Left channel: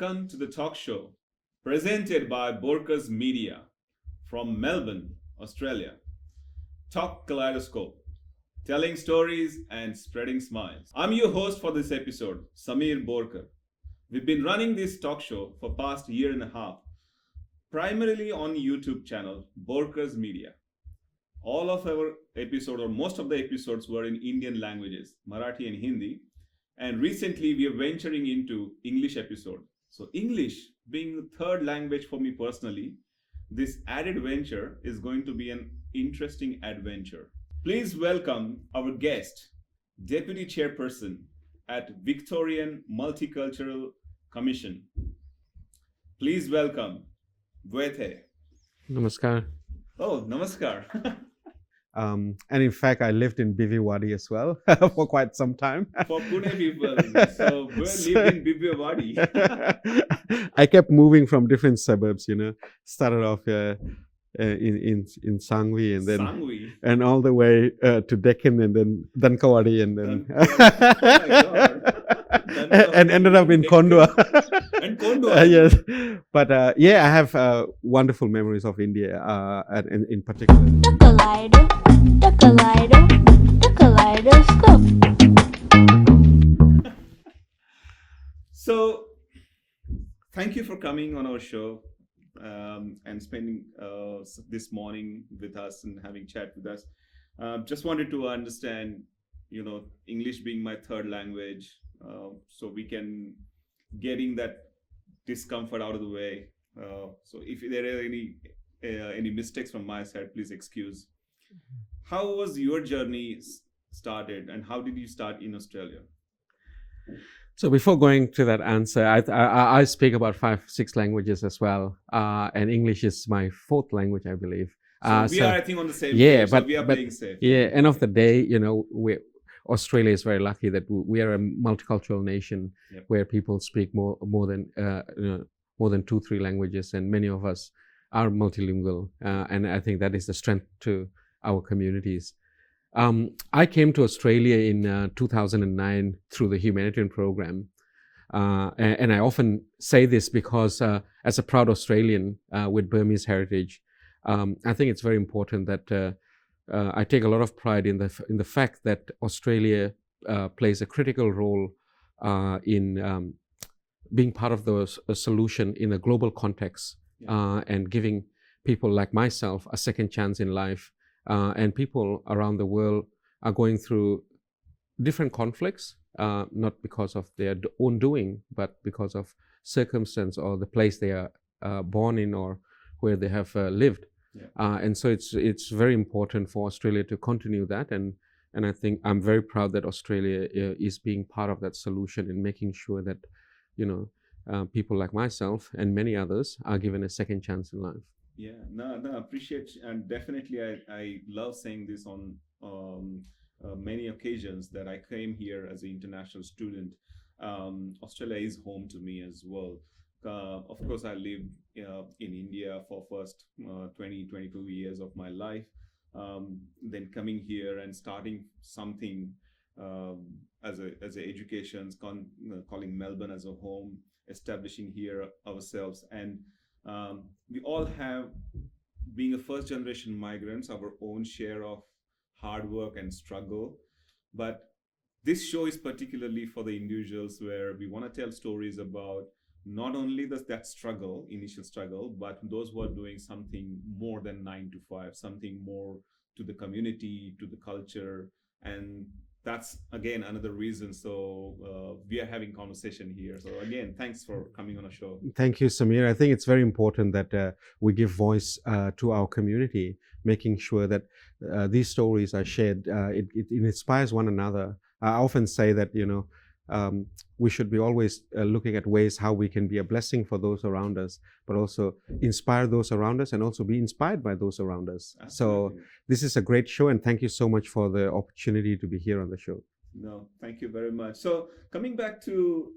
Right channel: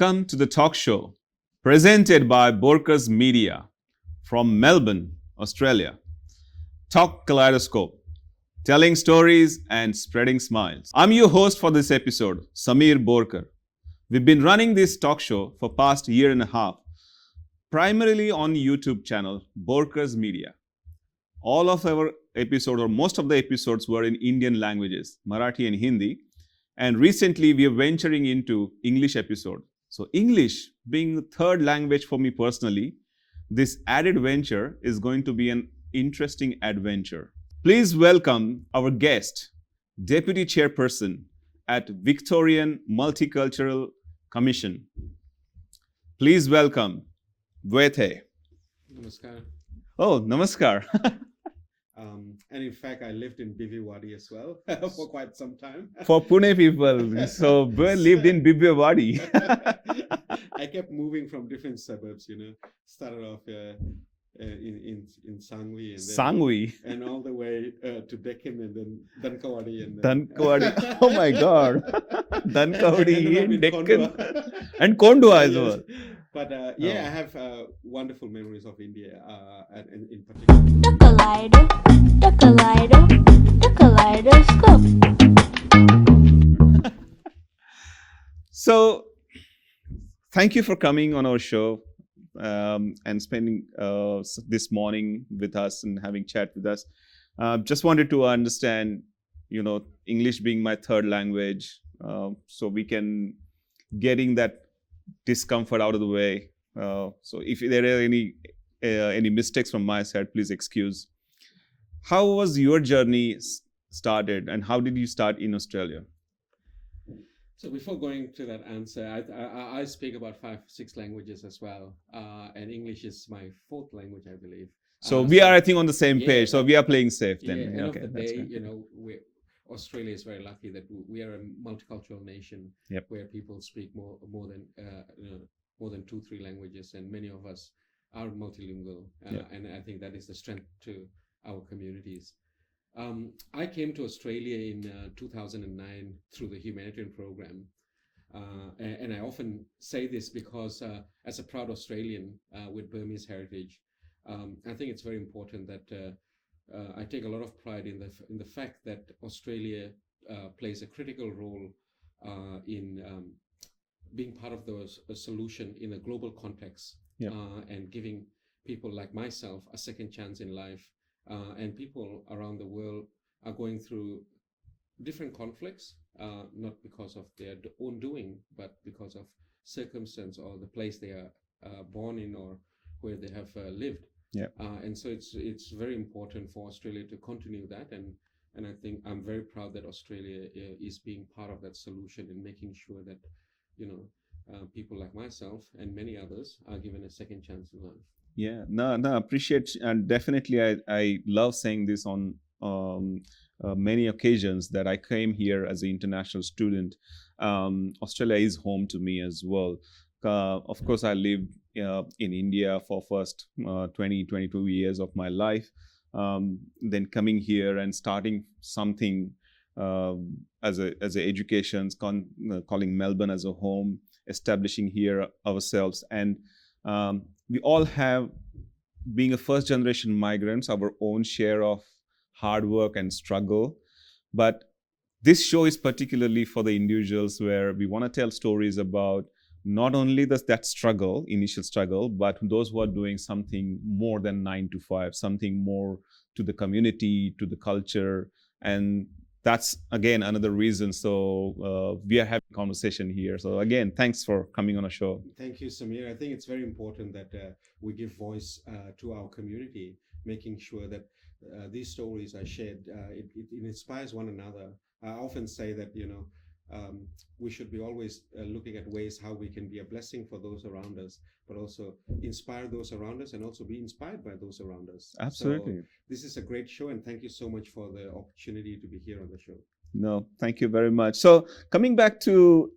Welcome to the talk show presented by Borkars Media from Melbourne, Australia. Talkaleidoscope, telling stories and spreading smiles. I'm your host for this episode, Samir Borkar. We've been running this talk show for past year and a half, primarily on YouTube channel Borkars Media. All of our episodes, or most of the episodes, were in Indian languages, Marathi and Hindi. And recently we are venturing into English episode. So English being the third language for me personally, this added venture is going to be an interesting adventure. Please welcome our guest, Deputy Chairperson at Victorian Multicultural Commission. Please welcome Bwe Thay. Namaskar. Oh, namaskar. And in fact, I lived in Bhiwadi as well for quite some time. For Pune people, so Bwe lived in Bhiwadi. I kept moving from different suburbs, started off in Sangvi and then Sangvi. and all the way to Deccan and then Dankawadi and then Dankawadi. Oh my God. and ended up in Kondwa. And Kondwa as yes. well. But I have wonderful memories of India and in particular. Talkaleidoscope. So, thank you for coming on our show and spending this morning with us and having chat with us. Just wanted to understand, English being my third language, so we can getting that discomfort out of the way. So, if there are any mistakes from my side, please excuse. How was your journey started, and how did you start in Australia? So before going to that answer, I speak about 5-6 languages as well, and English is my fourth language, I believe. So we are, I think, on the same page. So we are playing safe. Yeah. End of the day, Australia is very lucky that we are a multicultural nation where people speak more than 2-3 languages, and many of us are multilingual, and I think that is the strength to our communities. I came to Australia in 2009 through the Humanitarian program. And I often say this because as a proud Australian with Burmese heritage, I think it's very important that I take a lot of pride in the fact that Australia plays a critical role in being part of the solution in a global context, and giving people like myself a second chance in life. And people around the world are going through different conflicts, not because of their own doing, but because of circumstance or the place they are born in or where they have lived. And so it's very important for Australia to continue that. And I think I'm very proud that Australia is being part of that solution in making sure that, people like myself and many others are given a second chance in life. Yeah, no, appreciate, and definitely I love saying this on many occasions that I came here as an international student. Australia is home to me as well. Of course, I lived in India for first 22 years of my life. Then coming here and starting something as a education, calling Melbourne as a home, establishing here ourselves, and we all have, being a first generation migrants, our own share of hard work and struggle. But this show is particularly for the individuals where we want to tell stories about not only that struggle, initial struggle, but those who are doing something more than 9 to 5, something more to the community, to the culture. And that's, again, another reason. So we are having conversation here. So again, thanks for coming on a show. Thank you, Samir. I think it's very important that we give voice to our community, making sure that these stories are shared. It inspires one another. I often say that, we should be always looking at ways how we can be a blessing for those around us, but also inspire those around us and also be inspired by those around us. Absolutely. So this is a great show, and thank you so much for the opportunity to be here on the show. No, thank you very much. So coming back to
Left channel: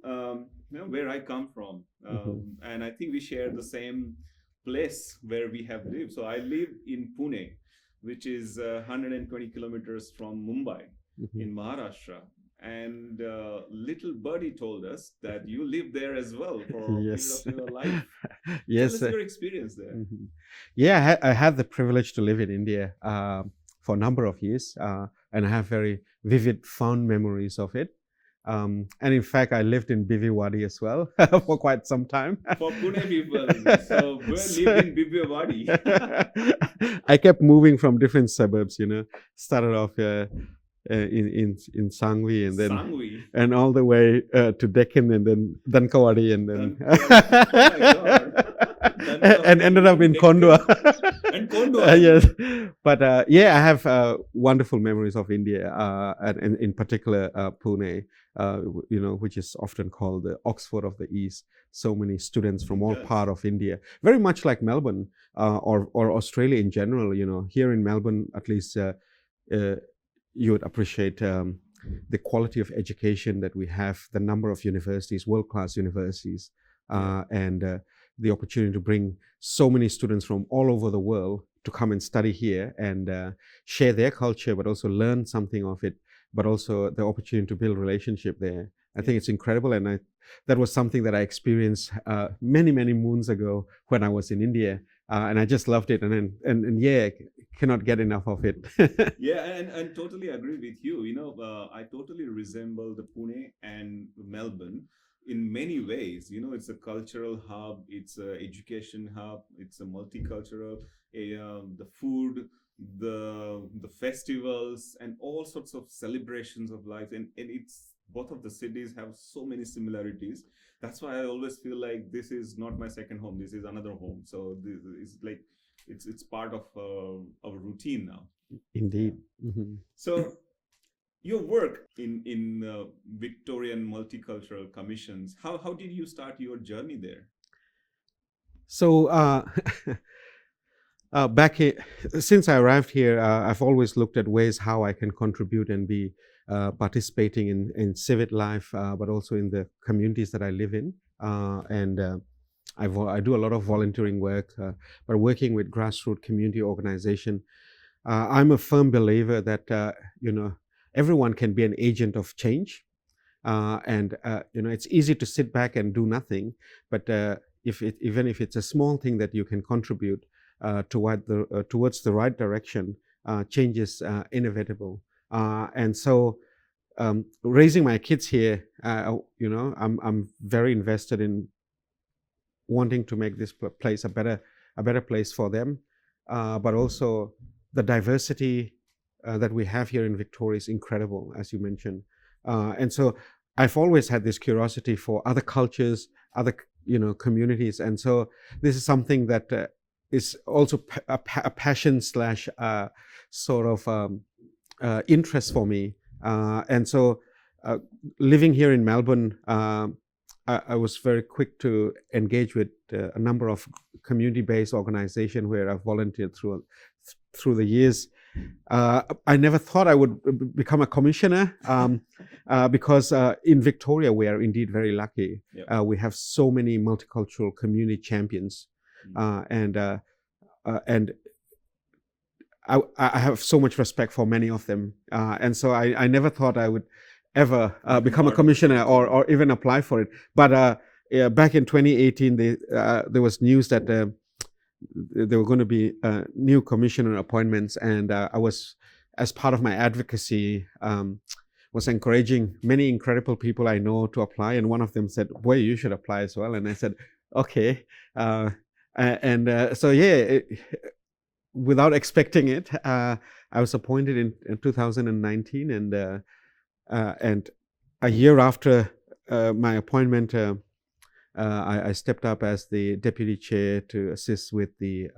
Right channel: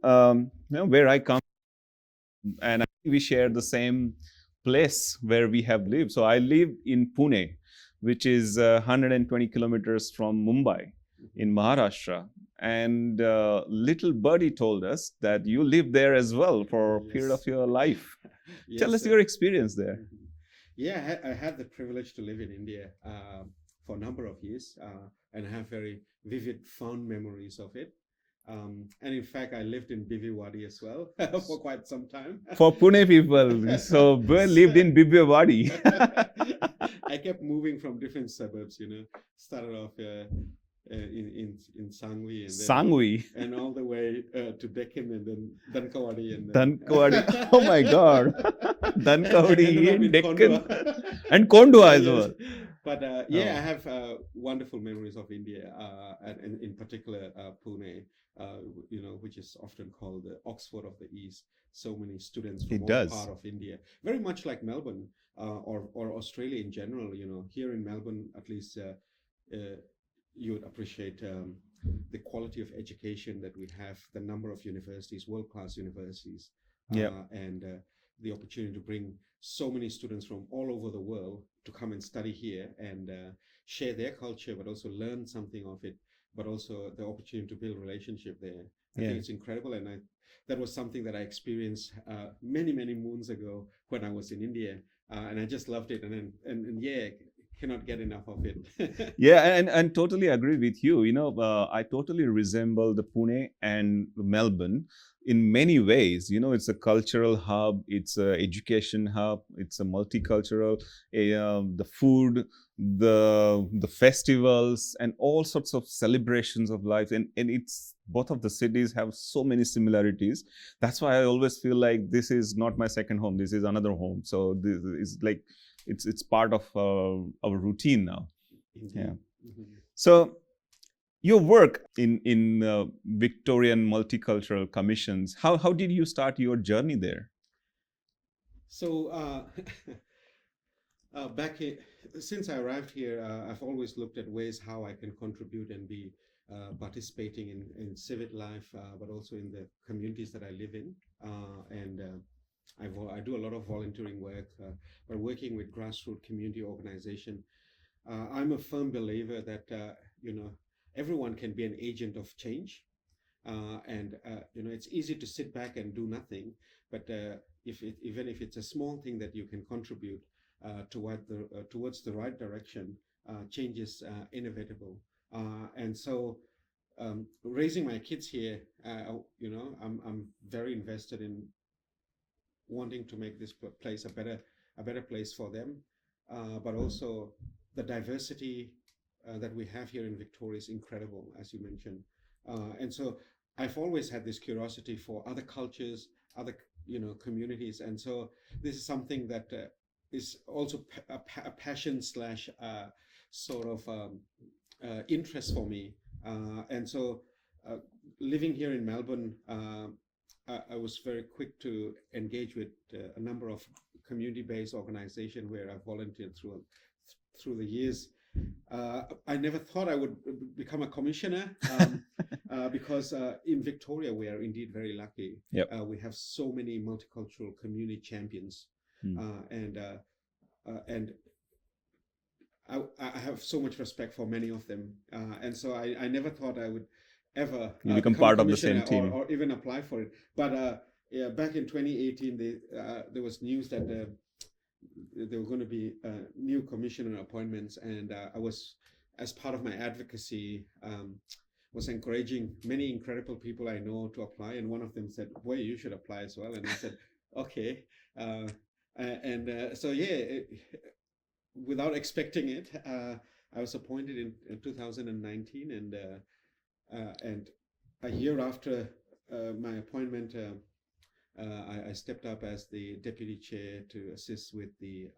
where I come from, and I think we share the same place where we have lived. So I live in Pune, which is 120 kilometers from Mumbai in Maharashtra. And little birdie told us that you lived there as well for a period of your life. Tell us your experience there. Yeah, I had the privilege to live in India for a number of years, and I have very vivid, fond memories of it. And in fact, I lived in Bwe as well for quite some time. For Pune people, so Bwe lived in Bwe. I kept moving from different suburbs, started off in Sangvi and then Sangvi, and all the way to Deccan and then Dankawadi and then Dankawadi. Oh my God. And ended up in Kondwa. And Kondwa, yes. But I have wonderful memories of India, and in particular Pune, which is often called the Oxford of the East. So many students from all parts of India, very much like Melbourne or Australia in general. Here in Melbourne, at least, you would appreciate the quality of education that we have, the number of universities, world-class universities, and the opportunity to bring so many students from all over the world to come and study here and share their culture, but also learn something of it, but also the opportunity to build relationship there. I think it's incredible, and that was something that I experienced many, many moons ago when I was in India, and I just loved it, and cannot get enough of it. and totally agree with you. I totally resemble the Pune and Melbourne in many ways. It's a cultural hub, it's an education hub, it's a multicultural, the food, the festivals, and all sorts of celebrations of life, and it's both of the cities have so many similarities. That's why I always feel like this is not my second home, this is another home. So this is like it's part of our routine now. Indeed. So your work in Victorian Multicultural Commissions, how did you start your journey there? So since I arrived here, I've always looked at ways how I can contribute and be participating in civic life, but also in the communities that I live in. I do a lot of volunteering work, but working with grassroots community organization. I'm a firm believer that everyone can be an agent of change, and it's easy to sit back and do nothing. But even if it's a small thing that you can contribute towards the right direction, change is inevitable. And so, raising my kids here, I'm very invested in wanting to make this place a better place for them, but also the diversity that we have here in Victoria is incredible, as you mentioned, and so I've always had this curiosity for other cultures, other communities, and so this is something that is also a passion / sort of interest for me, and so living here in Melbourne, I was very quick to engage with a number of community-based organizations where I've volunteered through the years. I never thought I would become a commissioner because in Victoria we are indeed very lucky. Yep. We have so many multicultural community champions, and I have so much respect for many of them, and so I never thought I would ever become a commissioner or even apply for it. But back in 2018, there was news that there were going to be new commissioner appointments, and I was, as part of my advocacy, was encouraging many incredible people I know to apply, and one of them said, "Boy, you should apply as well." And I said, "Okay," without expecting it, I was appointed in 2019, and a year after my appointment, I stepped up as the deputy chair to assist with the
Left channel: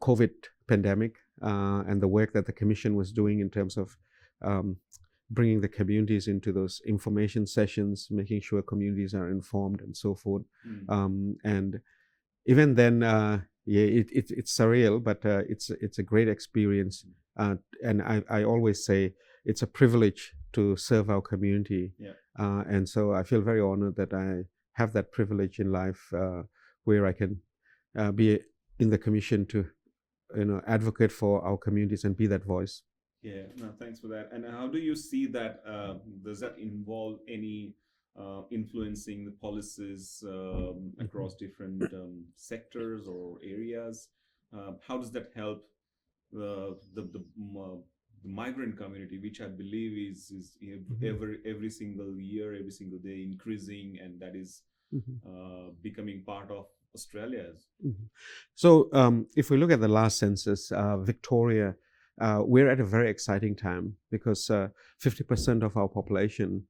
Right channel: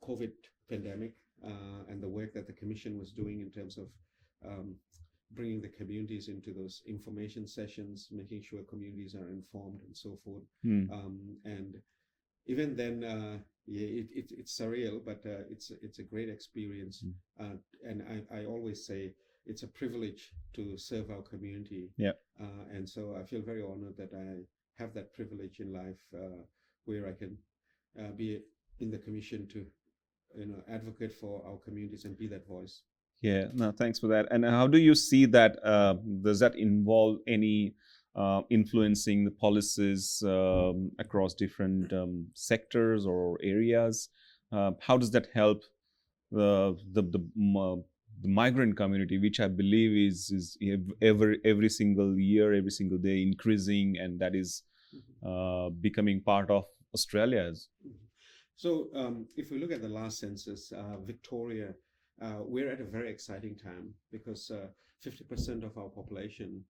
COVID pandemic and the work that the commission was doing in terms of bringing the communities into those information sessions, making sure communities are informed and so forth. And even then, it's surreal, but it's a great experience. And I always say it's a privilege to serve our community. And so I feel very honored that I have that privilege in life, where I can be in the commission to advocate for our communities and be that voice. Yeah, no, thanks for that. And how do you see that? Does that involve any influencing the policies across different sectors or areas? How does that help the migrant community, which I believe is every single year, every single day increasing, and that is becoming part of Australia's? So if we look at the last census, Victoria, we're at a very exciting time because 50% of our population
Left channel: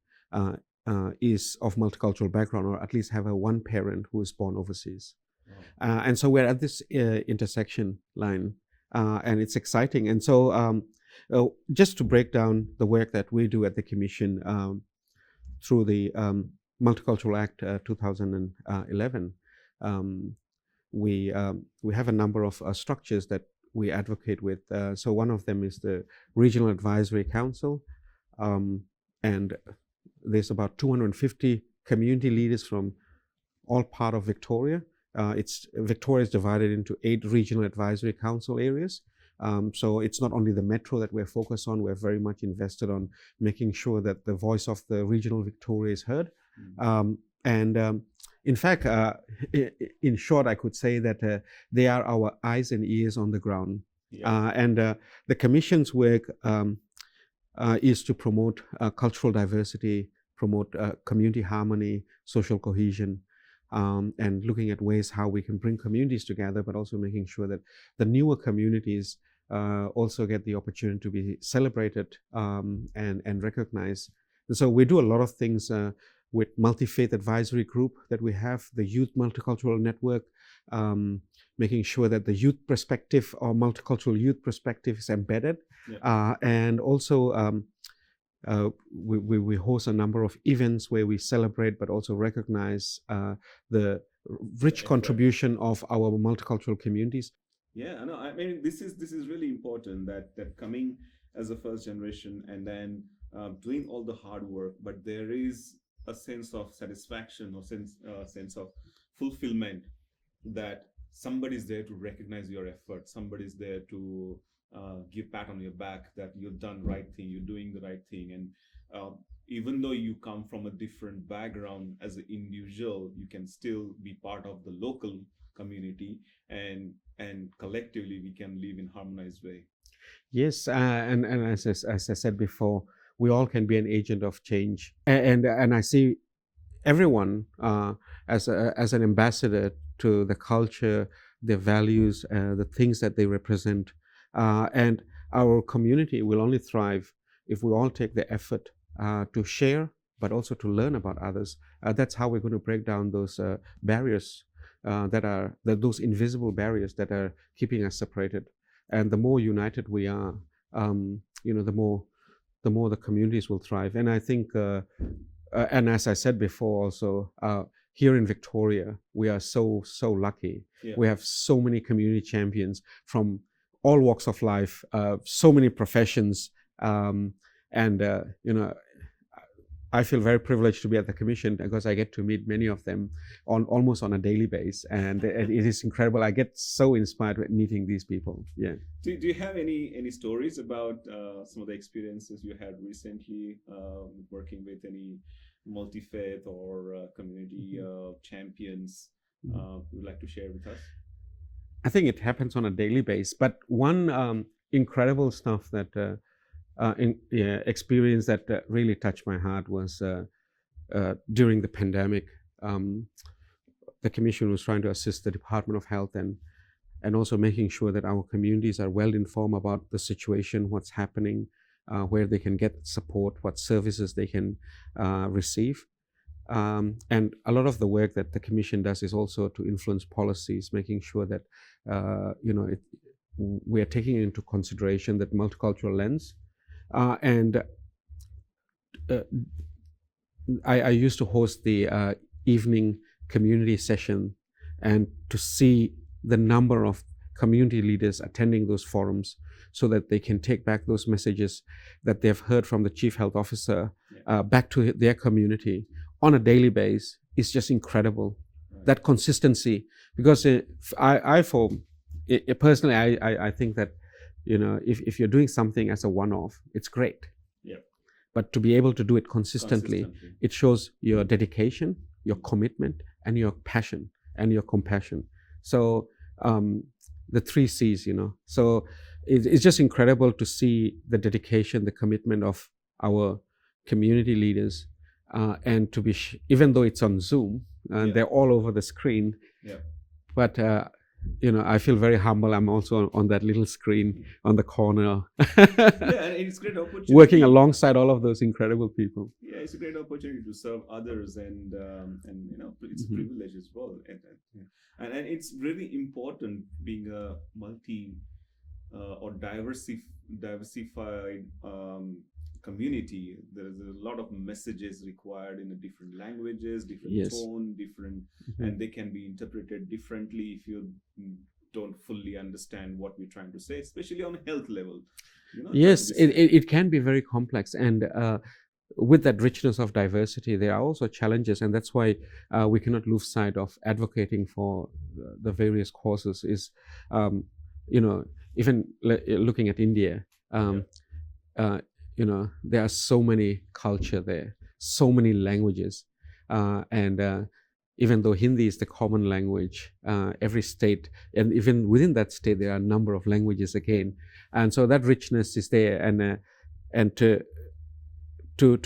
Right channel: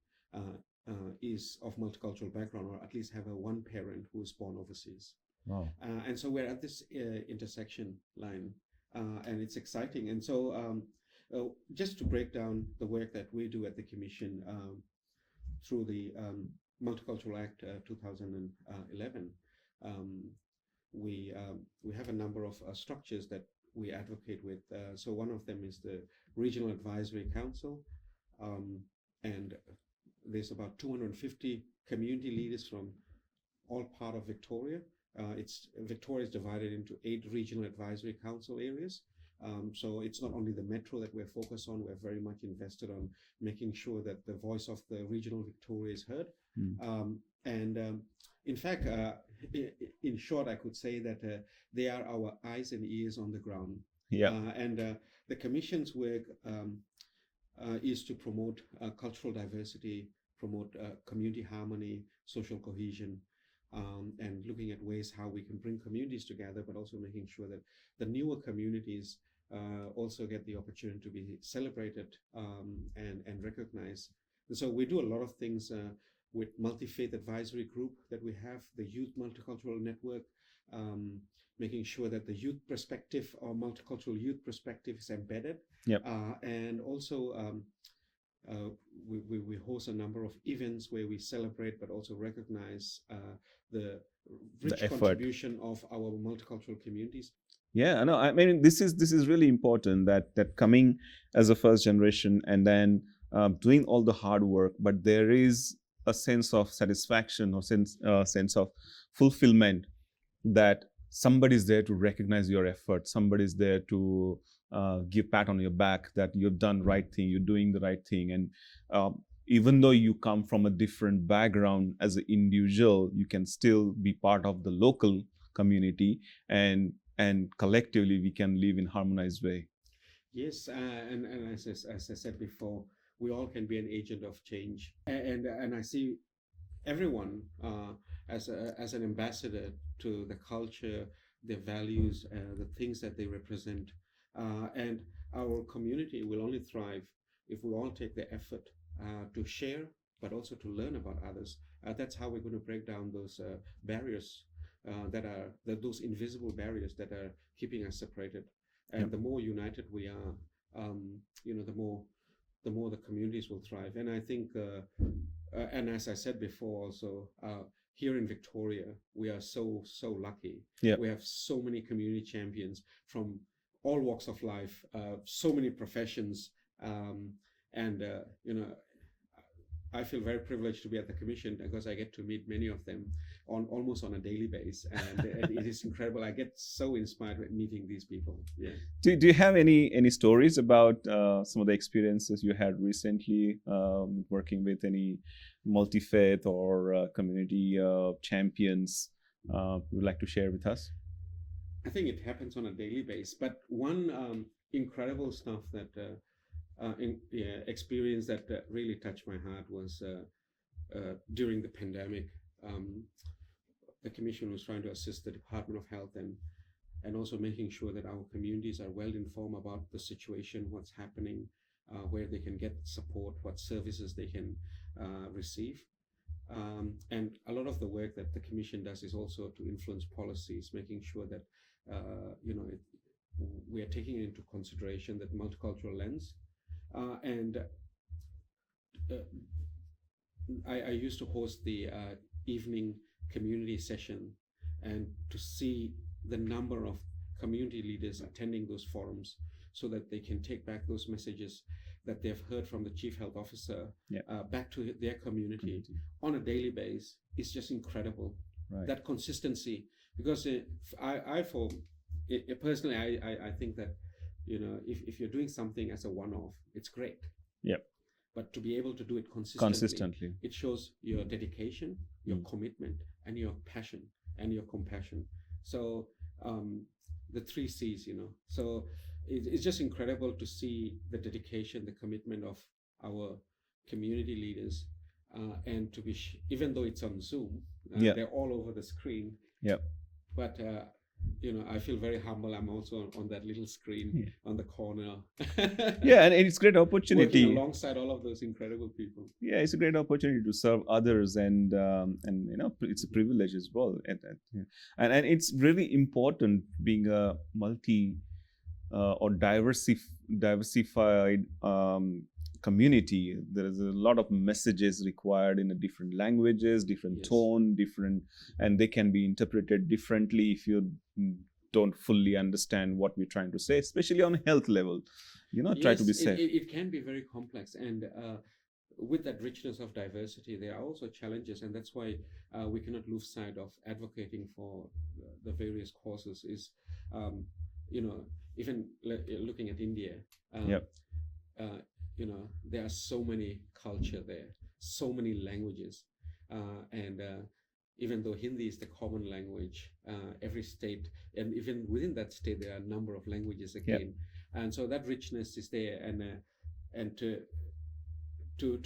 is of multicultural background, or at least have a one parent who is born overseas. Wow. And so we're at this intersection line, and it's exciting. And so just to break down the work that we do at the Commission through the Multicultural Act 2011, we have a number of structures that we advocate with. So one of them is the Regional Advisory Council, and there's about 250 community leaders from all part of Victoria. Victoria is divided into 8 regional advisory council areas. So it's not only the metro that we're focused on, we're very much invested on making sure that the voice of the regional Victoria is heard. In fact, in short, I could say that they are our eyes and ears on the ground. Yeah. The Commission's work is to promote cultural diversity, promote community harmony, social cohesion, and looking at ways how we can bring communities together, but also making sure that the newer communities also get the opportunity to be celebrated and recognized. And so we do a lot of things with Multi-Faith Advisory Group that we have, the Youth Multicultural Network, making sure that the youth perspective or multicultural youth perspective is embedded. Yep. And also we host a number of events where we celebrate but also recognize the rich contribution of our multicultural communities. Yeah, no, I mean this is really important that coming as a first generation and then doing all the hard work, but there is a sense of satisfaction or sense of fulfillment that somebody's there to recognize your effort, somebody's there to give pat on your back that you've done the right thing, you're doing the right thing. And even though you come from a different background as an individual, you can still be part of the local community, and collectively we can live in harmonized way. Yes, and as I said before, we all can be an agent of change, and I see everyone as an ambassador to the culture, their values, the things that they represent, and our community will only thrive if we all take the effort to share, but also to learn about others. That's how we're going to break down those barriers those invisible barriers that are keeping us separated. And the more united we are, the more the communities will thrive. And I think, and as I said before also, here in Victoria, we are so lucky. Yeah. We have so many community champions from all walks of life, so many professions. I feel very privileged to be at the Commission because I get to meet many of them almost on a daily basis, and it is incredible. I get so inspired with meeting these people. Yeah. Do you have any stories about some of the experiences you had recently working with any multi-faith or community champions you would like to share with us? I think it happens on a daily basis, but one incredible stuff that experience that really touched my heart was during the pandemic. The Commission was trying to assist the Department of Health and also making sure that our communities are well informed about the situation, what's happening, where they can get support, what services they can receive. And a lot of the work that the Commission does is also to influence policies, making sure that we are taking into consideration that multicultural lens. I used to host the evening community session, and to see the number of community leaders attending those forums so that they can take back those messages that they've heard from the Chief Health Officer back to their community on a daily basis is just incredible. Right. That consistency, because personally, I think that if you're doing something as a one-off, it's great. Yep. But to be able to do it consistently, it shows your dedication, your commitment, and your passion and your compassion. So the 3 C's, So it's just incredible to see the dedication, the commitment of our community leaders, and to be, even though it's on Zoom, they're all over the screen. Yeah. But I feel very humble. I'm also on that little screen on the corner. Yeah, and it's a great opportunity. Working alongside all of those incredible people. Yeah, it's a great opportunity to serve others, and it's a privilege as well. And it's really important being a multi or diversified community. There is a lot of messages required in a different languages, different tone, different, and they can be interpreted differently if you don't fully understand what we're trying to say, especially on health level. Yes, it can be very complex, and with that richness of diversity, there are also challenges, and that's why we cannot lose sight of advocating for the various causes. Even looking at India, there are so many culture there, so many languages, and even though Hindi is the common language, every state, and even within that state, there are a number of languages again, and so that richness is there, and to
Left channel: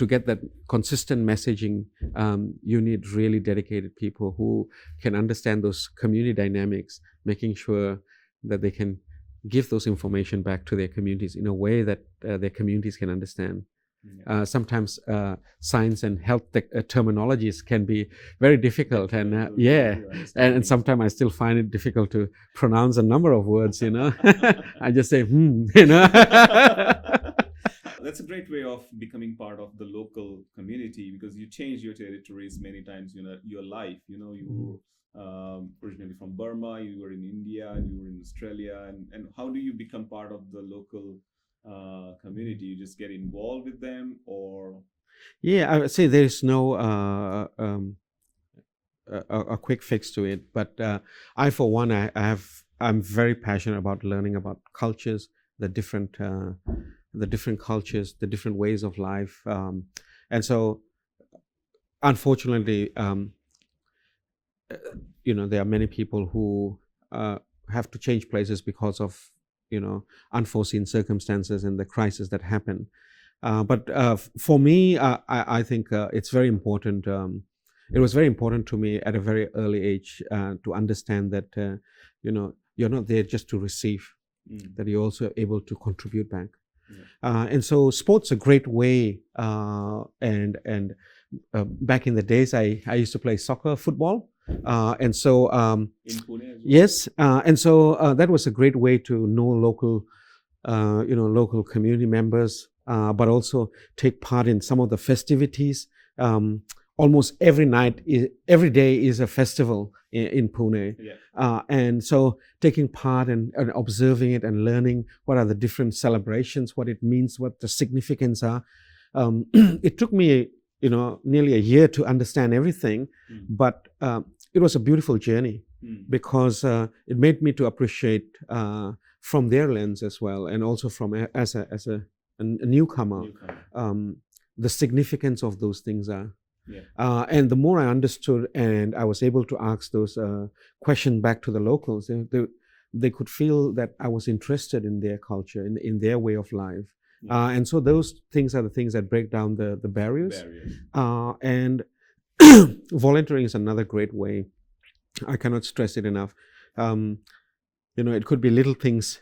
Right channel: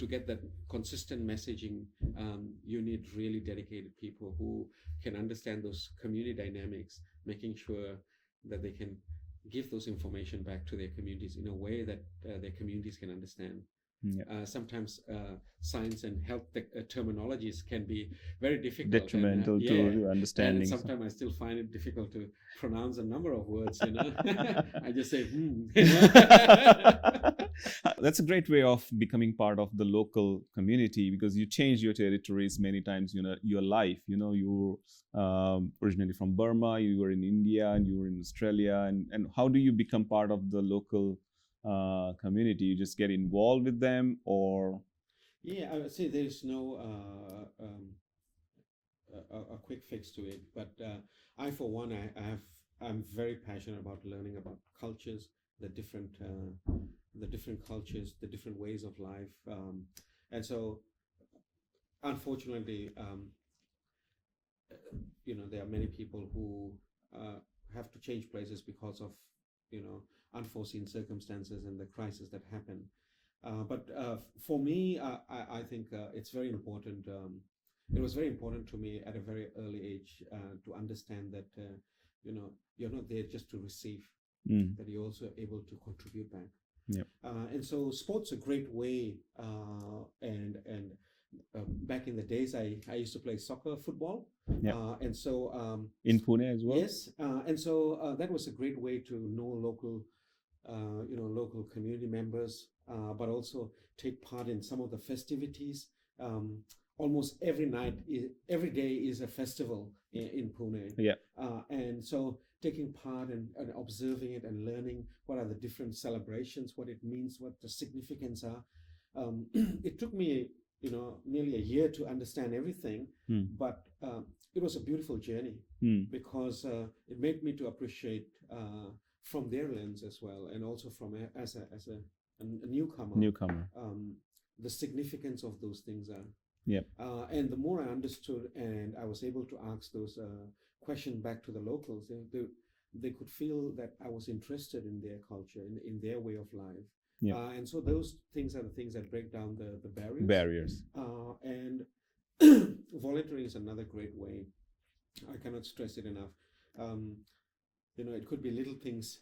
get that consistent messaging, you need really dedicated people who can understand those community dynamics, making sure that they can give those information back to their communities in a way that their communities can understand. Sometimes science and health terminologies can be very difficult, and sometimes I still find it difficult to pronounce a number of words. I just say That's a great way of becoming part of the local community, because you change your territories many times. Your life. You originally from Burma, you were in India, and you were in Australia, and how do you become part of the local community? You just get involved with them, or? Yeah, I would say there is no a quick fix to it, but I, for one, I'm very passionate about learning about cultures, the different cultures, the different ways of life, and so unfortunately, there are many people who have to change places because of unforeseen circumstances and the crisis that happen. But for me, I think it's very important. It was very important to me at a very early age to understand that you're not there just to receive, that you're also able to contribute back. And so sports a great way. And back in the days, I used to play soccer, football. And so in Pune as well. Yes, and so that was a great way to know local community members, but also take part in some of the festivities. Almost every day is a festival in Pune. And so taking part and observing it and learning what are the different celebrations, what it means, what the significance are. It took me nearly a year to understand everything, but it was a beautiful journey because it made me to appreciate from their lens as well, and also from as a newcomer, the significance of those things are. And the more I understood and I was able to ask those questions back to the locals, they could feel that I was interested in their culture, in their way of life. And so those things are the things that break down the barriers. And volunteering is another great way. I cannot stress it enough. It could be little things,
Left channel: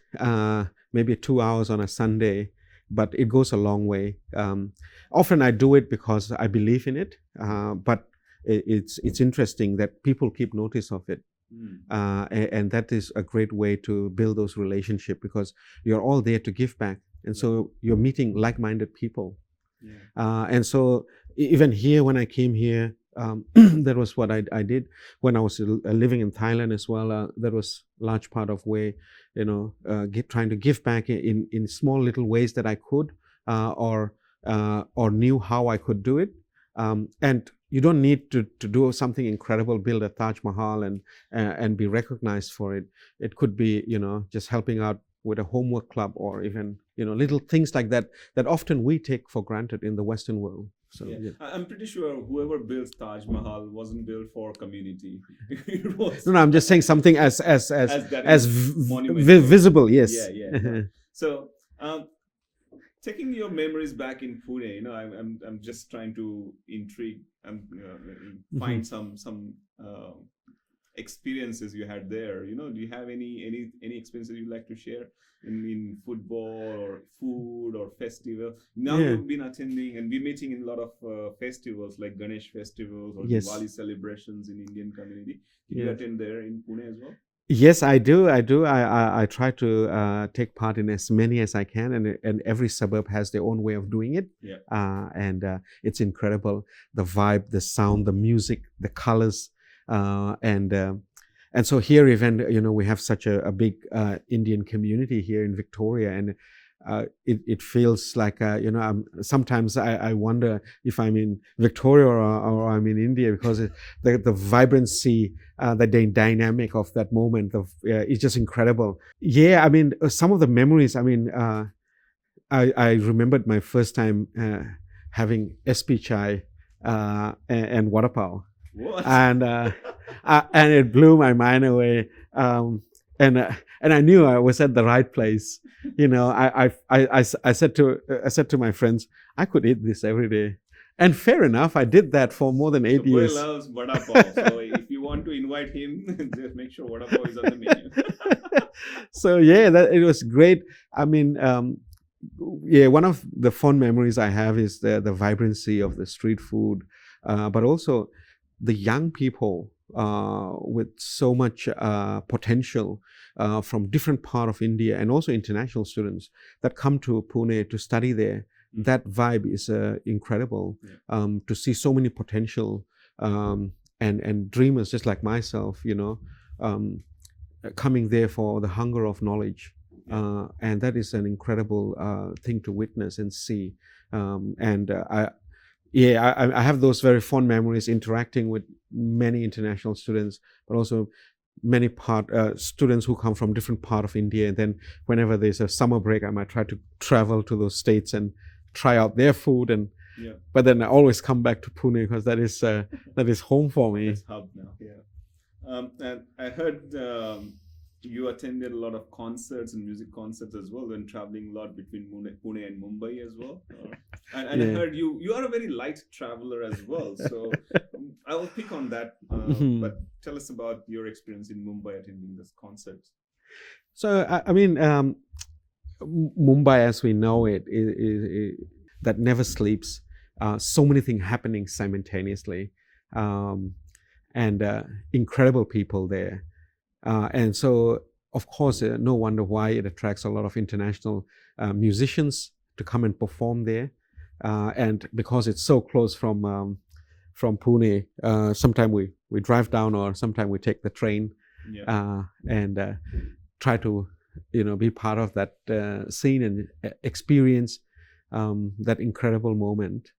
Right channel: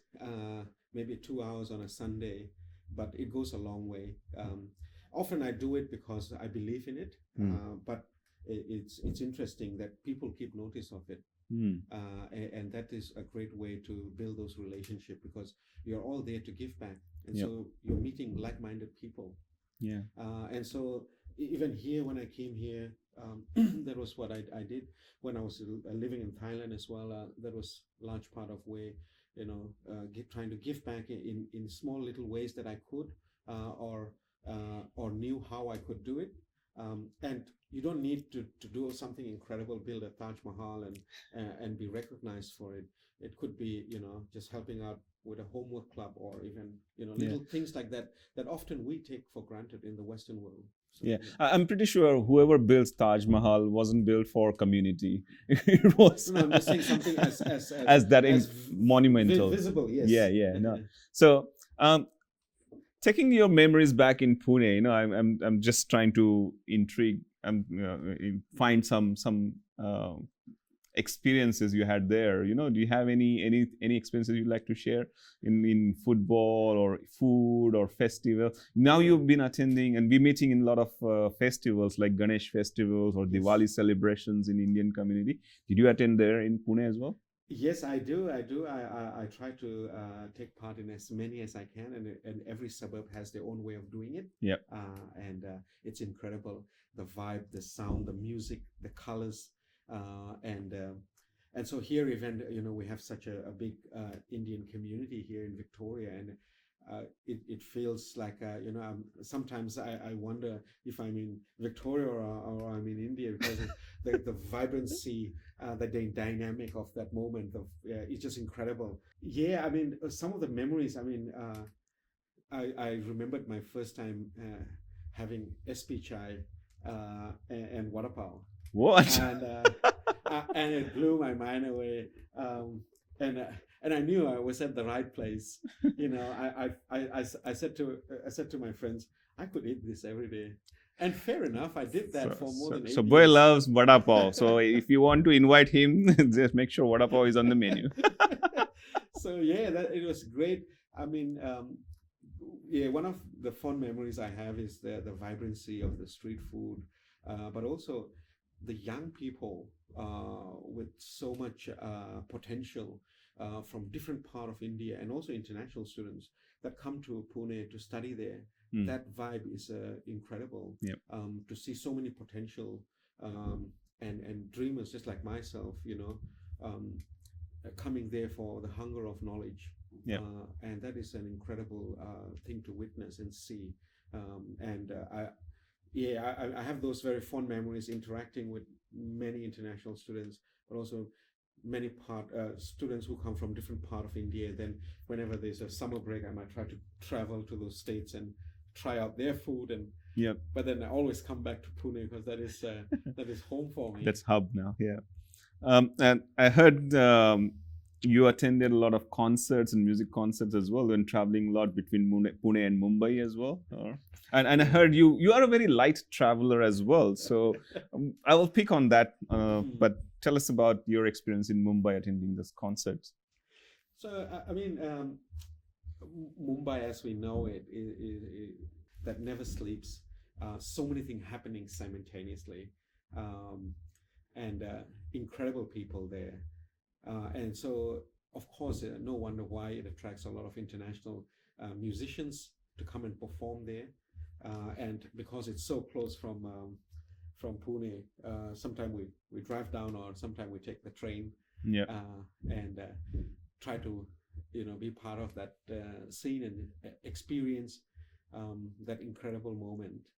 maybe 2 hours on a Sunday, but it goes a long way. Often I do it because I believe in it, but it's interesting that people keep notice of it. And that is a great way to build those relationships, because you're all there to give back. And so you're meeting like-minded people. And so even here, when I came here, that was what I did. When I was living in Thailand as well, that was large part of way, trying to give back in small little ways that I could, or knew how I could do it. And you don't need to do something incredible, build a Taj Mahal and be recognized for it. It could be, just helping out with a homework club, or even little things like that that often we take for granted in the Western world. So, I'm pretty sure whoever built Taj Mahal wasn't built for community. It was no, I'm just saying something as that is monumental, visible. Yes. No. So, taking your memories back in Pune, I'm just trying to intrigue and find some experiences you had there. Do you have any experiences you'd like to share in football or food or festival? Now you've been attending and be meeting in a lot of festivals like Ganesh festivals or Diwali celebrations in Indian community. Did you attend there in Pune as well? Yes, I do. I try to take part in as many as I can, and every suburb has their own way of doing it. And it's incredible, the vibe, the sound, the music, the colors. And so here even we have such a big Indian community here in Victoria, and it feels like sometimes I wonder if I'm in Victoria or I'm in India, because the vibrancy, the dynamic of that moment is just incredible. I mean, some of the memories, I mean, I remembered my first time having SP chai and vada pav. What? And it blew my mind away. And I knew I was at the right place. I said to my friends, I could eat this every day. And fair enough, I did that for more than 8 years. Bwe loves vada pav. So if you want to invite him, just make sure vada pav is on the menu. So it was great. I mean, one of the fond memories I have is the vibrancy of the street food, but also the young people with so much potential from different part of India, and also international students that come to Pune to study there. That vibe is incredible. To see so many potential and dreamers just like myself, coming there for the hunger of knowledge. And that is an incredible thing to witness and see. I have those very fond memories interacting with many international students, but also many students who come from different part of India. And then whenever there's a summer break, I might try to travel to those states and try out their food. And but then I always come back to Pune because that is home for me. It's hub now. And I heard you attended a lot of concerts and music concerts as well when traveling a lot between Pune and Mumbai as well. And I heard you are a very light traveler as well. So I will pick on that. But tell us about your experience in Mumbai attending this concerts. So, I mean, Mumbai as we know it that never sleeps. So many things happening simultaneously. And incredible people there. And so, of course, no wonder why it attracts a lot of international musicians to come and perform there. And because it's so close from Pune, sometimes we drive down, or sometimes we take the train and try to be part of that scene and experience that incredible moment.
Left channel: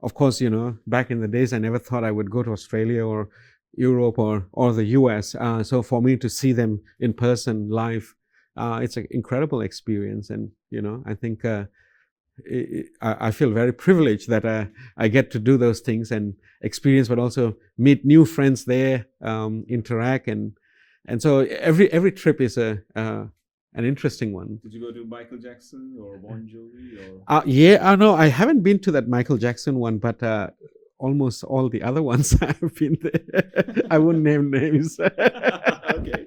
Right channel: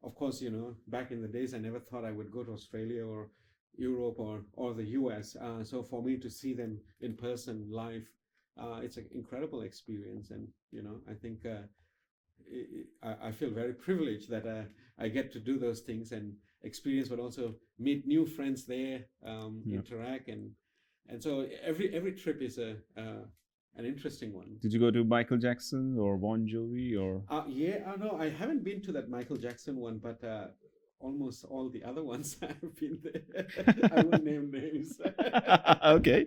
Of course, back in the days, I never thought I would go to Australia or Europe or the US. So for me to see them in person live, it's an incredible experience. And, I think I feel very privileged that I get to do those things and experience, but also meet new friends there, interact. And so every trip is an interesting one. Did you go to Michael Jackson or Bon Jovi or? No, I haven't been to that Michael Jackson one, but almost all the other ones I've been there. I won't name names. Okay.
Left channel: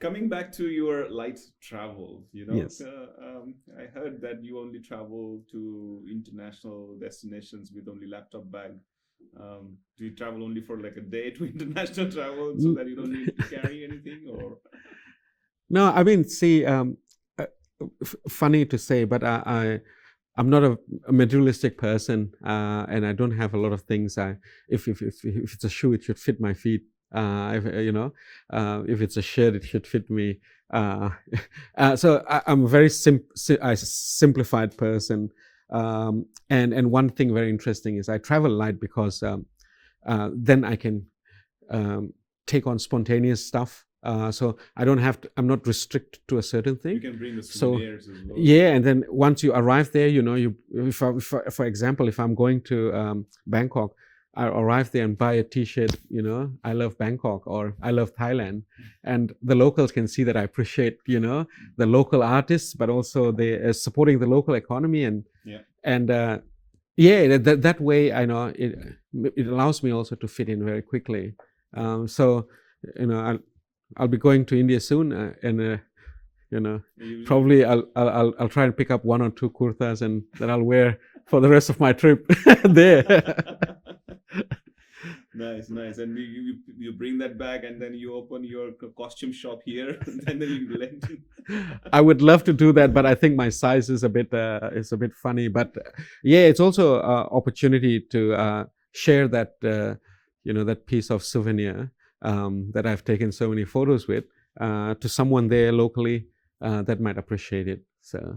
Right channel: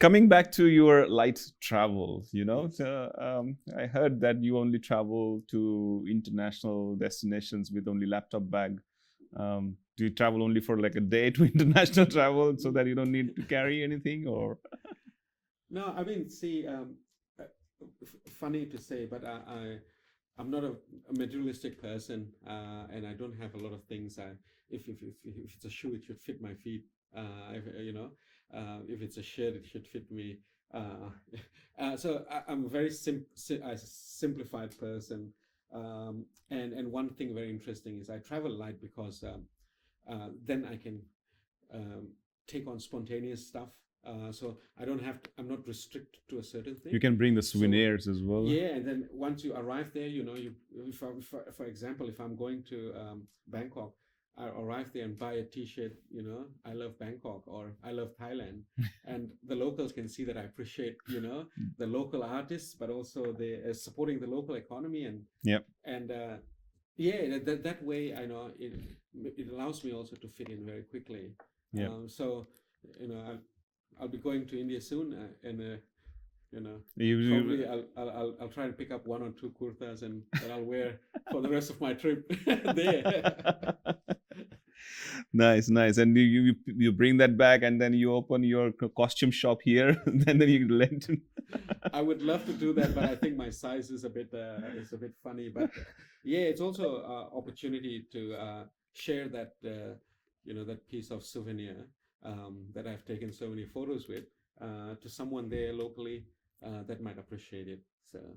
Coming back to your light travels, Yes. I heard that you only travel to international destinations with only laptop bag. Do you travel only for like a day to international travel so that you don't need to carry anything, or? No, I mean, see, funny to say, but I'm not a materialistic person, and I don't have a lot of things. If it's a shoe, it should fit my feet. If it's a shirt, it should fit me. So I'm a very simplified person. And one thing very interesting is I travel light because then I can take on spontaneous stuff. So I don't have to, I'm not restricted to a certain thing. You can bring the souvenirs as well. Yeah, and then once you arrive there, for example, if I'm going to Bangkok, I arrive there and buy a T-shirt, I love Bangkok or I love Thailand, and the locals can see that I appreciate, the local artists, but also they supporting the local economy that way I know it allows me also to fit in very quickly. So I'll be going to India soon, and probably I'll try and pick up 1 or 2 kurtas and that I'll wear for the rest of my trip there. Nice. And you bring that back, and then you open your costume shop here, and then you lend. I would love to do that, but I think my size is a bit funny. But it's also an opportunity to share that that piece of souvenir that I've taken so many photos with to someone there locally that might appreciate it. So.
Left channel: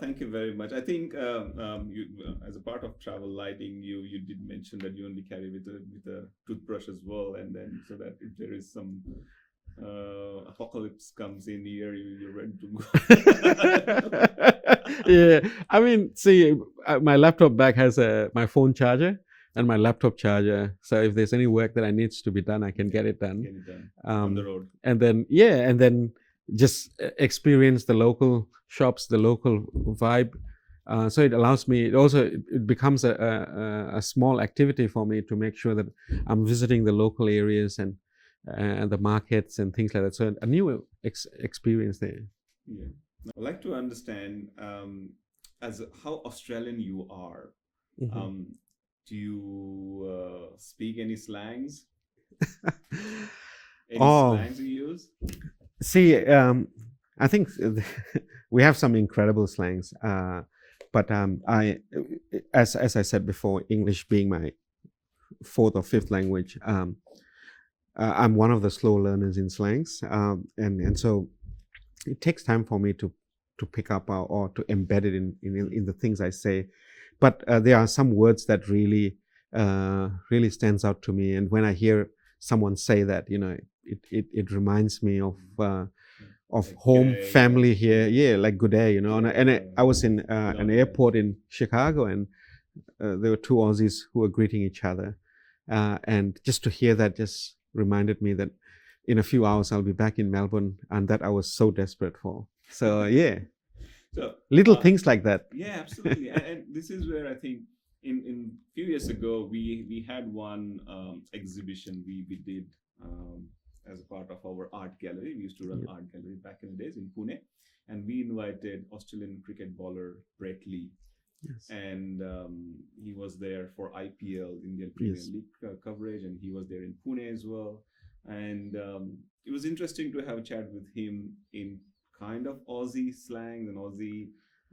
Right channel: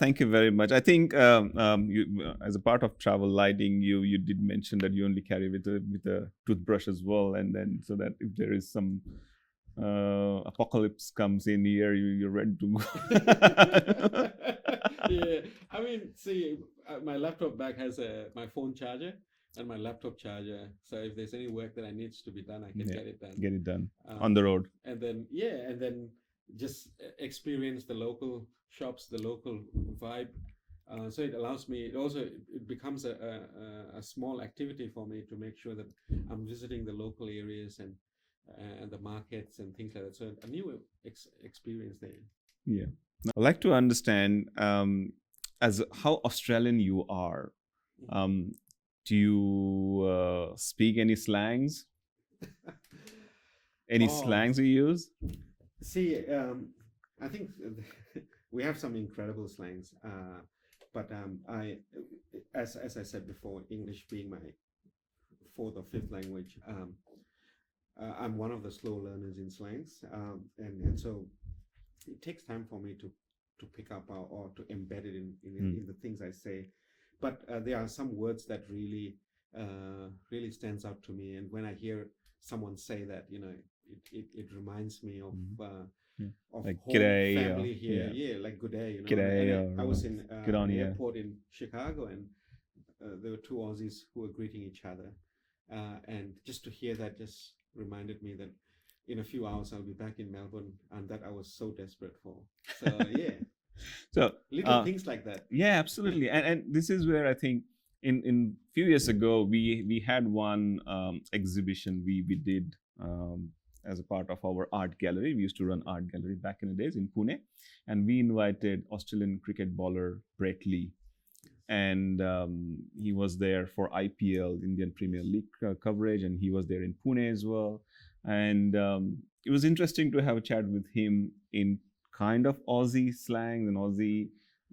Thank you very much. I think you, as a part of travel lighting, you did mention that you only carry with a toothbrush as well, and then so that if there is some apocalypse comes in here, you're ready to go. Yeah, I mean, see, my laptop bag has my phone charger and my laptop charger. So if there's any work that needs to be done, I can get it done. Get it done on the road. And then just experience the local shops, the local vibe. So it allows me. It becomes a small activity for me to make sure that I'm visiting the local areas and the markets and things like that. So a new experience there. Yeah, I'd like to understand as how Australian you are. Mm-hmm. Do you speak any slangs? Any slangs you use? See, I think we have some incredible slangs, but as I said before, English being my 4th or 5th language, I'm one of the slow learners in slangs, and so it takes time for me to pick up or to embed it in the things I say. But there are some words that really stands out to me, and when I hear someone say that, it reminds me of like home, day, family here, like good day, and I was in an airport in Chicago, and there were 2 Aussies who were greeting each other, and just to hear that just reminded me that in a few hours I'll be back in Melbourne, and that I was so desperate for. So so little things like that. Yeah, absolutely. and this is where I think in few years ago we had one exhibition we did as a part of our art gallery. We used to run art gallery back in the days in Pune, and we invited Australian cricket bowler Bwe Thay. Yes. And he was there for IPL, Indian Premier League coverage, and he was there in Pune as well. And it was interesting to have a chat with him in kind of Aussie slang and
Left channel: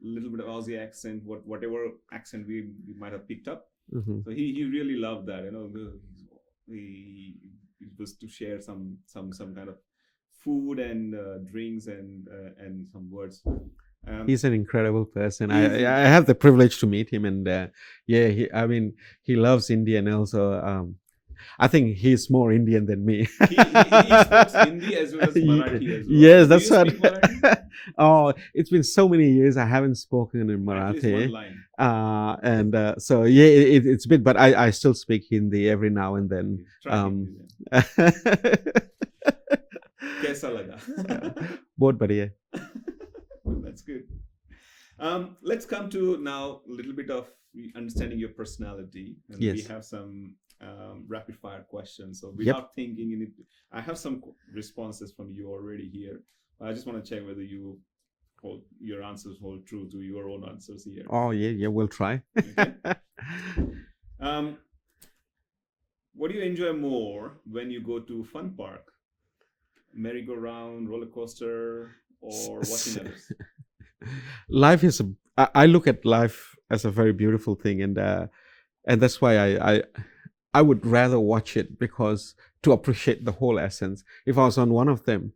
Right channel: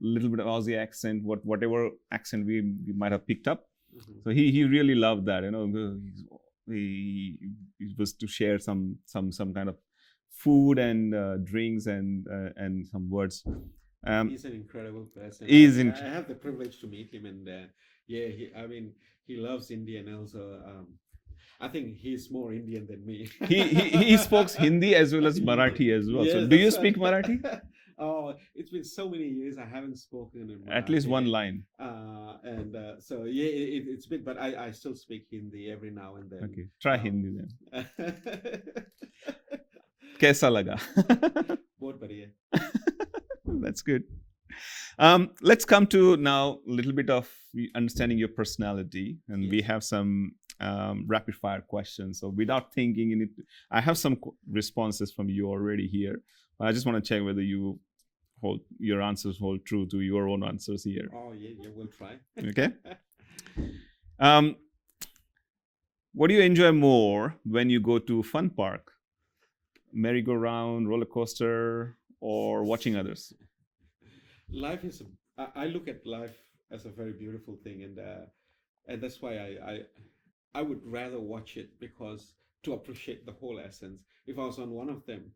little bit of Aussie accent, whatever accent we might have picked up. Mm-hmm. So he really loved that, he was to share some kind of food and drinks and some words. He's an incredible person. I have the privilege to meet him, and he loves India, and also I think he's more Indian than me. he speaks Hindi as well as Marathi as well. Yes, so that's do you speak Marathi? Oh, it's been so many years I haven't spoken in Marathi. At least one line. So it's a bit, but I still speak Hindi every now and then. Okay. Try Hindi then. Kaisa laga? Bahut badhiya. That's good. Let's come to now a little bit of understanding your personality, and we have some rapid fire questions. So without thinking in it, I have some responses from you already here. I just want to check whether your answers hold true to your own answers here. Oh yeah, we'll try. Okay. What do you enjoy more when you go to fun park? Merry-go-round, roller coaster, or watching others? Life is I look at life as a very beautiful thing, and that's why I would rather watch it, because to appreciate the whole essence. If I was on one of them,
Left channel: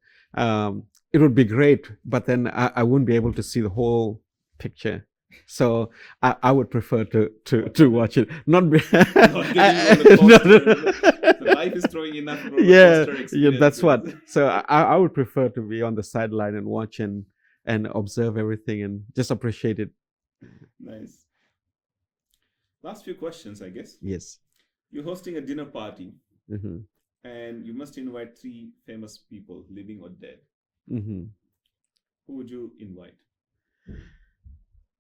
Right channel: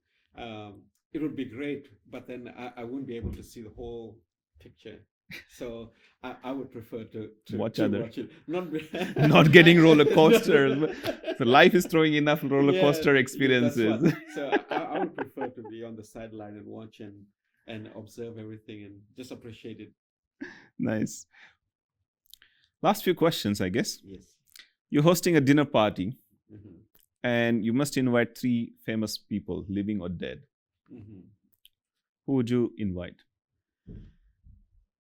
it would be great, but then I wouldn't be able to see the whole picture So I would prefer to watch it, not getting roller coaster. So life is throwing enough roller coaster experiences. That's what. So I would prefer to be on the sideline and watch and observe everything and just appreciate it. Nice. Last few questions, I guess. Yes. You're hosting a dinner party, mm-hmm. and you must invite 3 famous people, living or dead. Mm-hmm. Who would you invite?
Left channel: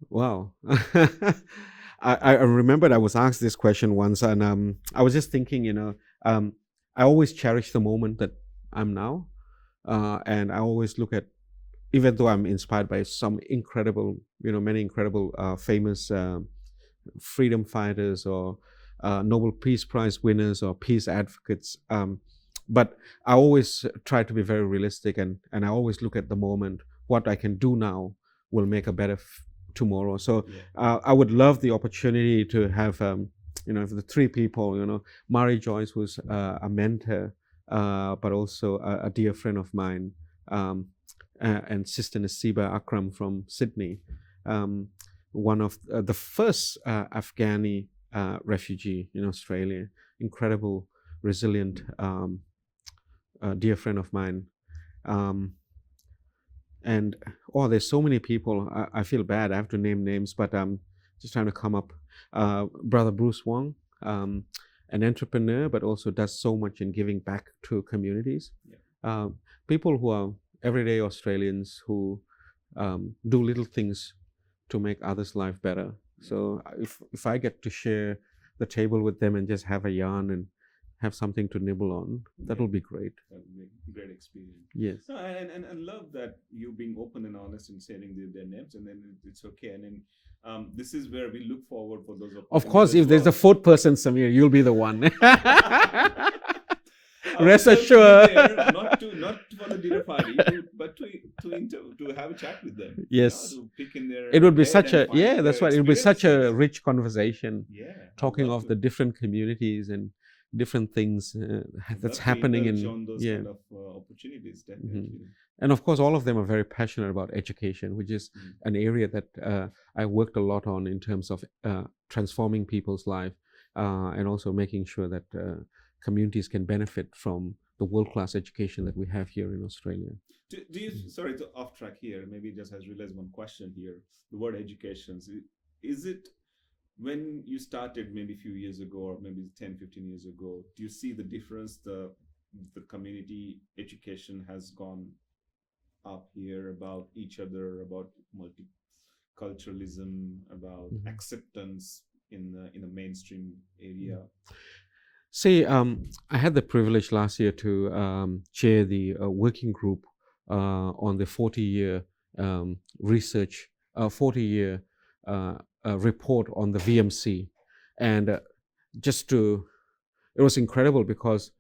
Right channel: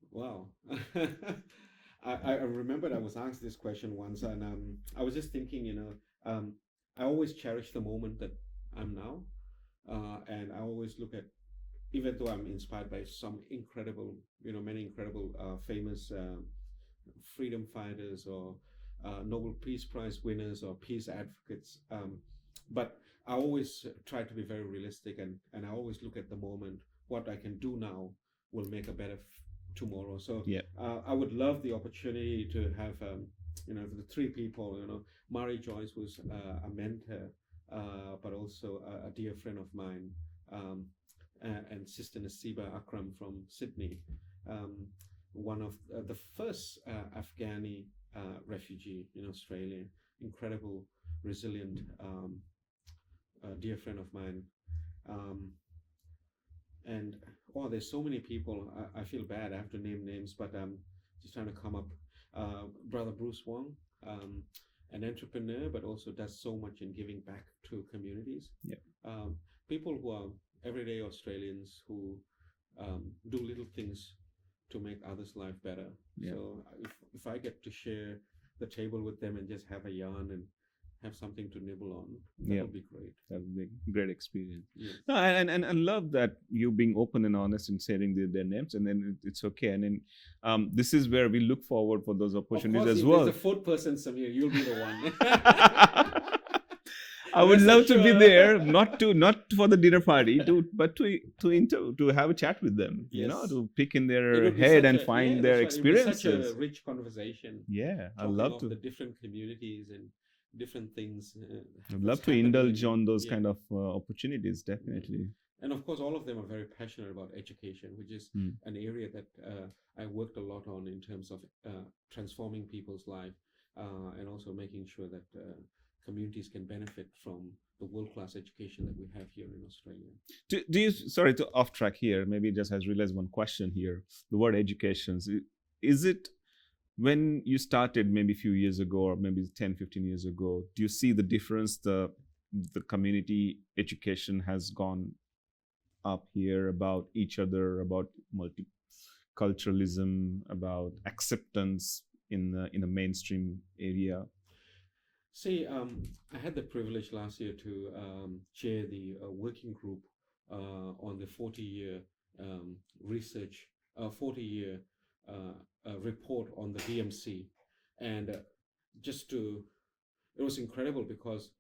Wow. I remembered I was asked this question once, and I was just thinking, I always cherish the moment that I'm now, and I always look at, even though I'm inspired by some incredible, many incredible famous freedom fighters or Nobel Peace Prize winners or peace advocates, but I always try to be very realistic, and I always look at the moment. What I can do now will make a better tomorrow. So I would love the opportunity to have, the 3 people, Mari Joyce, who's a mentor, but also a dear friend of mine, and Sister Nasiba Akram from Sydney, one of the first Afghani refugee in Australia, incredible, resilient, dear friend of mine. And there's so many people. I feel bad. I have to name names, but I'm just trying to come up. Brother Bruce Wong, an entrepreneur, but also does so much in giving back to communities. People who are everyday Australians who do little things to make others' life better. So if I get to share the table with them and just have a yarn and have something to nibble on, that will be great. That would be a great experience. Yes. No, and I love that you being open and honest and sharing their names, and then it's okay. And then this is where we look forward for those opportunities. Of course, if there's a 4th person, Samir, you'll be the one. I would love to be there, not for the dinner party, but to have a chat with them. Yes, to pick in their. It would be such a that's right. It would be such a rich conversation. Yeah, talking of the different communities and different things that's happening on those kind of opportunities, definitely. And of course, all of them are very passionate about education, which is an area that I worked a lot on in terms of transforming people's life, and also making sure that communities can benefit from the world-class education that we have here in Australia. Do you, sorry to off track here, maybe just has realized one question here. The word education, is it, when you started maybe a few years ago, or maybe 10, 15 years ago, do you see the difference the community education has gone up here about each other, about multiculturalism, about acceptance in the mainstream area? See, I had the privilege last year to chair the working group on the 40-year research, 40-year report on the VMC. And it was incredible because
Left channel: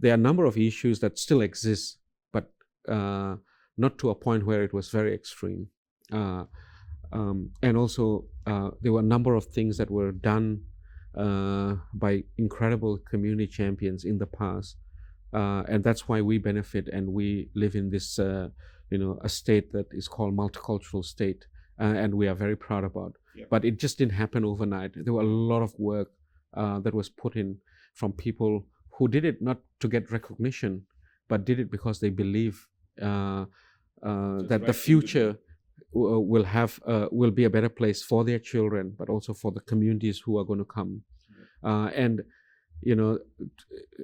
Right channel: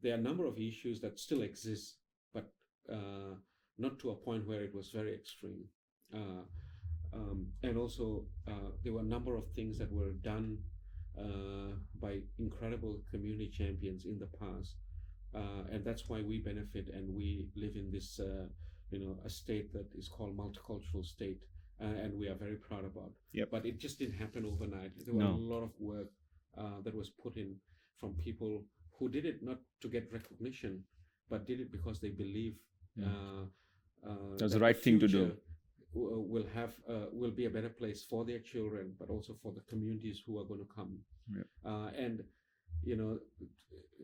there are a number of issues that still exist, but not to a point where it was very extreme. And also, there were a number of things that were done by incredible community champions in the past, and that's why we benefit and we live in this, a state that is called multicultural state, and we are very proud about. But it just didn't happen overnight. There were a lot of work that was put in from people who did it not to get recognition, but did it because they believe that the future will be a better place for their children, but also for the communities who are going to come. And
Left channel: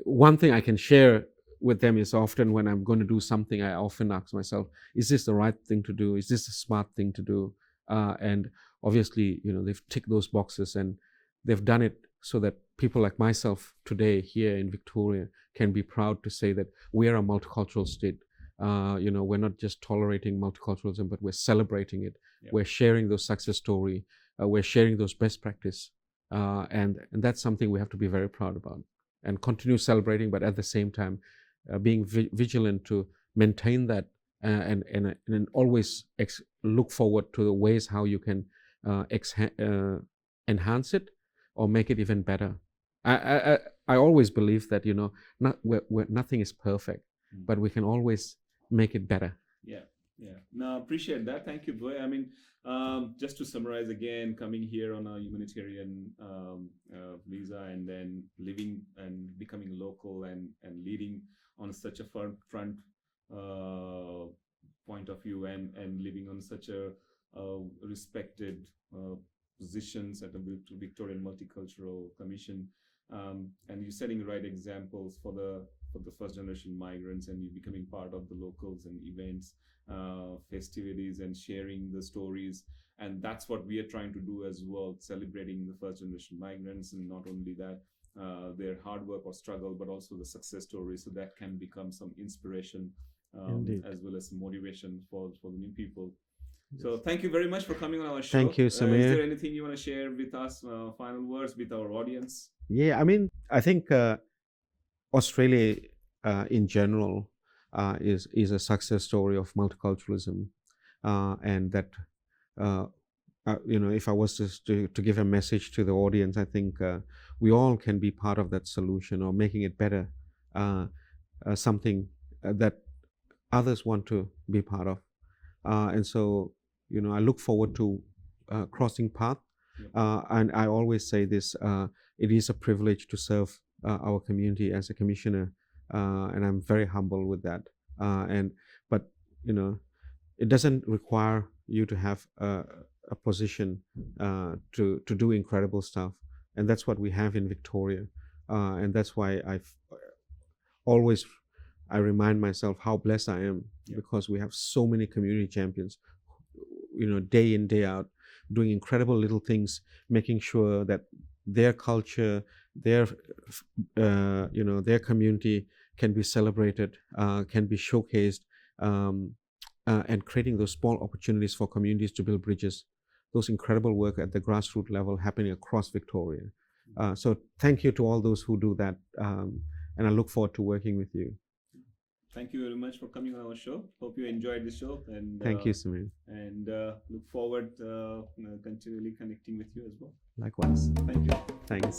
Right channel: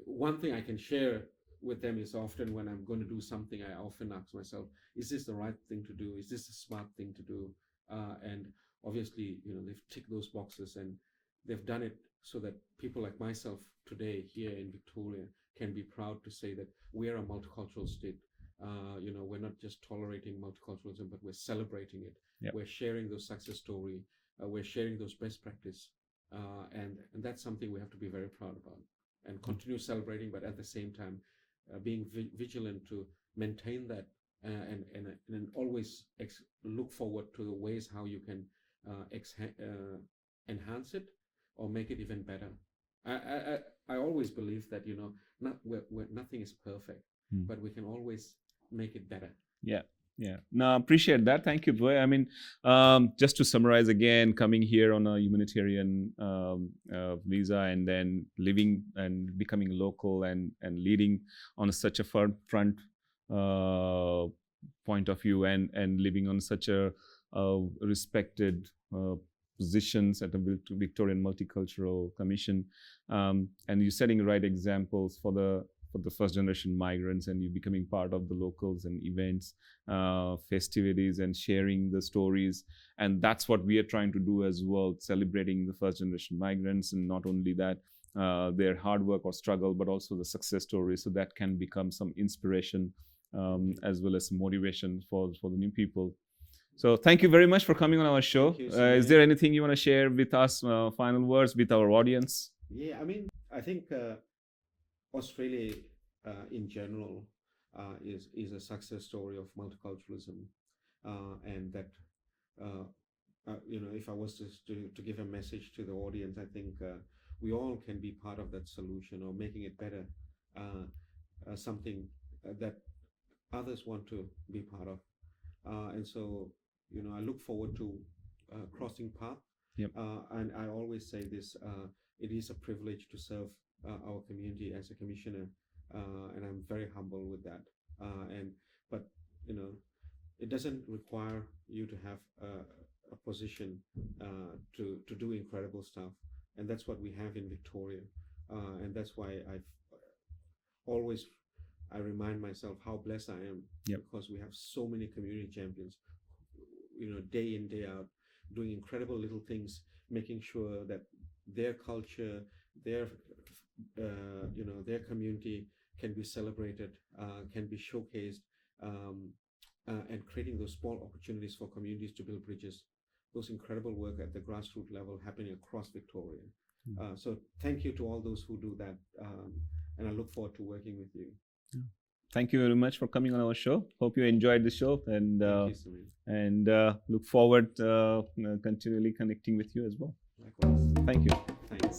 one thing I can share with them is, often when I'm going to do something, I often ask myself, is this the right thing to do? Is this a smart thing to do? And obviously, they've ticked those boxes, and they've done it so that people like myself today here in Victoria can be proud to say that we are a multicultural state. We're not just tolerating multiculturalism, but we're celebrating it. We're sharing those success stories. We're sharing those best practice. And that's something we have to be very proud about and continue celebrating, but at the same time, being vigilant to maintain that and always look forward to the ways how you can enhance it or make it even better. I always believe that, nothing is perfect, but we can always make it better. Yeah, no, appreciate that. Thank you, Bwe. I mean, just to summarize again, coming here on a humanitarian visa and then living and becoming local and leading on such a front point of view and living on such a respected positions at the Victorian Multicultural Commission, and you're setting the right examples for the first generation migrants, and you becoming part of the locals and events, festivities, and sharing the stories. And that's what we are trying to do as well, celebrating the first generation migrants, and not only that, their hard work or struggle, but also the success stories, so that can become some inspiration as well as motivation for the new people. So thank you very much for coming on our show. Thank you, Samir. Is there anything you want to share with us, final words with our audience? Yeah, I mean, I think Australia in general is a success story of multiculturalism, and that if I was to give a message to the audience, I think we all can be part of that solution or making it better, something that others want to be part of, and so I look forward to crossing path. Yep. And I always say this: it is a privilege to serve our community as a commissioner, and I'm very humble with that. But it doesn't require you to have a position to do incredible stuff, and that's what we have in Victoria, and that's why I remind myself how blessed I am. Yep. Because we have so many community champions, day in, day out, doing incredible little things, making sure that their culture, their community can be celebrated, can be showcased, and creating those small opportunities for communities to build bridges. Those incredible work at the grassroots level happening across Victoria. So thank you to all those who do that, and I look forward to working with you. Thank you very much for coming on our show. Hope you enjoyed the show, and thank you, Samir. And look forward continually connecting with you as well. Likewise. Thank you. Thanks.